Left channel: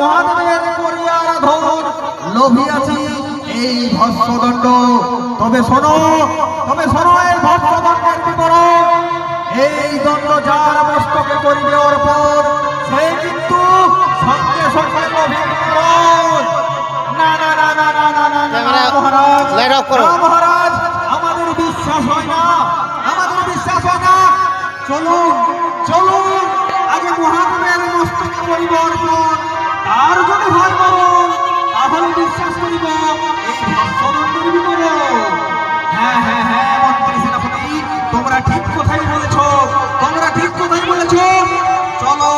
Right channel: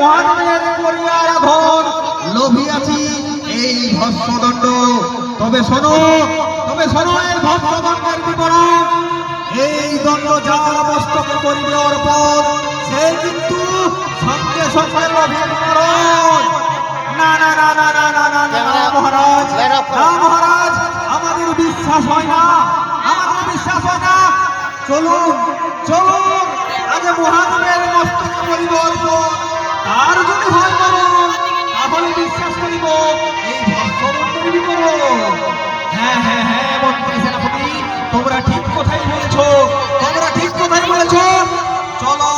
মহাদেবের করিয়া আরাধন লোভিয়াছি এই ভস্মদণ্ড। তবে শোনো এই ভস্মদণ্ডের বিবরণ। এই দণ্ড যার মস্তকে করিবে অর্পণ, সে কিন্তু সঙ্গে সঙ্গে লোভীর মরণ। না না না না না না না না মহারাজ, না মহারাজ, আমাদের বিশ্বাস হয় না, আমাদের বিশ্বাস হয় না। চলুন চলুন, আগে মহাদেবের মস্তকে করিব অর্পণ, তার যদি হয় মরণ, তাহলে বিশ্বাস করিব এই ভস্মদণ্ডের বিবরণ। হ্যাঁ হ্যাঁ হ্যাঁ মন্ত্রী সেনাপতি, তোমরা ঠিক কথাই বলেছো, তোমরা ঠিক কথাই বলেছো। চলো